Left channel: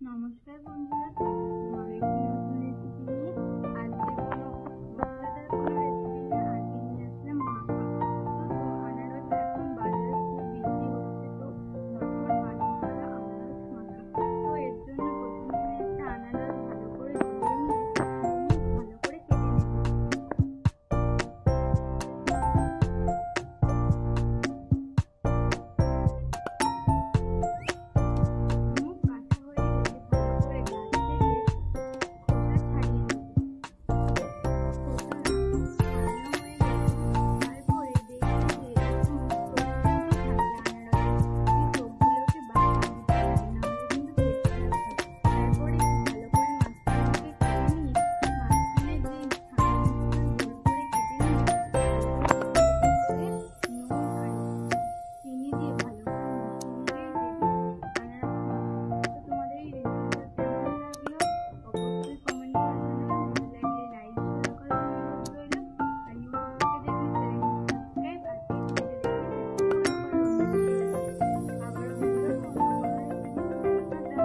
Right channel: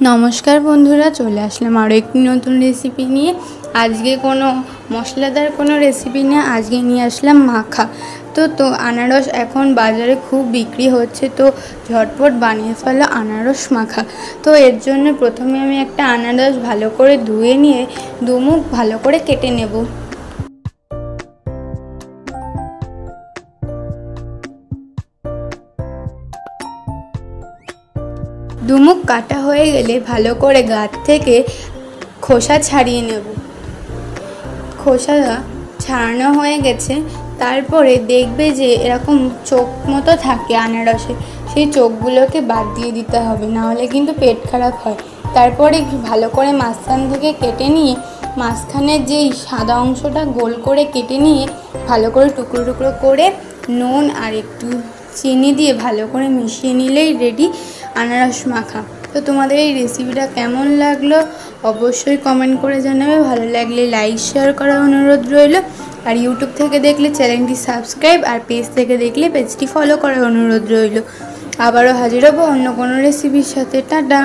नमस्कार बंधुरा चले आसलाम आरो एकटी नतून रेसिपि निये। आजके कोनो मशलादार कोनो रेसिपि ना, आजके निये आसलाम माखा। तो आनारस एखन बाजारे खूब बिक्री होच्छे, तो झटपट बानिये फेलो आनारस माखा। तो एर जोन्नो प्रथमे आमि एकटा आनारस भालो करे धुए निये दुमुख भालो करे केटे नेब। दुमुख काटा हये गेले भालो करे गाछ थेके खोसा छाड़िये नेब। खोसा छाड़ानो हये गेछे, तारपरे देखबे जे एरकम चोख मतो थाके आनारसे, सेई चोखगुलोके बाद दिये दिते हबे, नाहले किन्तु पेट खाराप हय। तारपरे भालो करे माঝখান थेके केटे निये माঝখানের जेई सादा अंशटा गोल करे केटे निये भालो करे टुकरो टुकरो करे नुन आर एकटु चिनी दिए भालो करे मिशिए निलेई रेडी आनारस माखा। तो तुम्हादेर এই রেসিপিটা কেমন লাগলো অবশ্যই কমেন্ট করে জানাবে। ভালো লাগলে লাইক শেয়ার করার অনুরোধ রইল। আর ইউটিউব থেকে দেখলে চ্যানেলটি সাবস্ক্রাইব আর পেজ থেকে দেখলে পেজটি ফলো করার অনুরোধ রইল। আবারও হাজির হব অন্য কোনো রেসিপির সাথে। টাটা।